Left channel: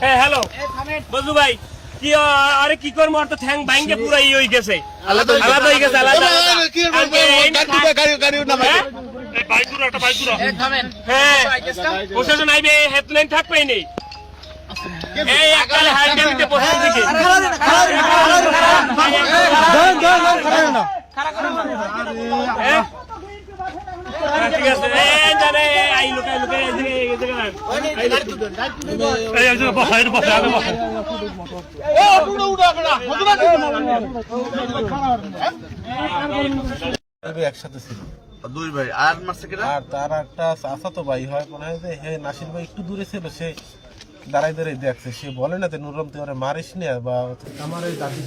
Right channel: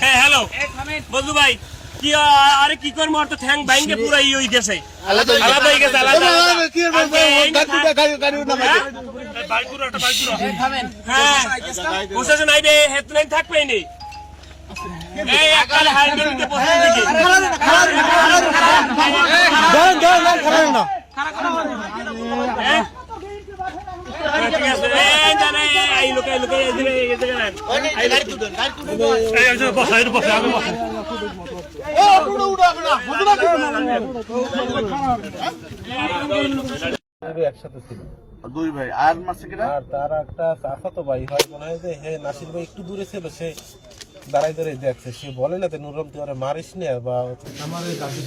hello বন্ধু ভাই কি আরে কি করবো আর তো ঠ্যাং ভাঙ্গে পুরো ই হয়ে গেছে আলাদা হয়ে গেছে হ্যাঁ প্রশাসন আইবে হেডলাইন থাকবে নেই এই একাল হারবিতে প্রথম দিকে ঠিক আছে এই জানে এই লোক একসাথে ছিল দুই ভাই আর মারছে কিনা আর তার একটা চাচাতো ভাই হয় মনে হয় যে হে নাসির ভাই একটু দূরে ছিল সে দাঁড়াই দাঁড়াই দেখছে সে বলে না নুরম তুই মারিস না বা আমার ওই দাদি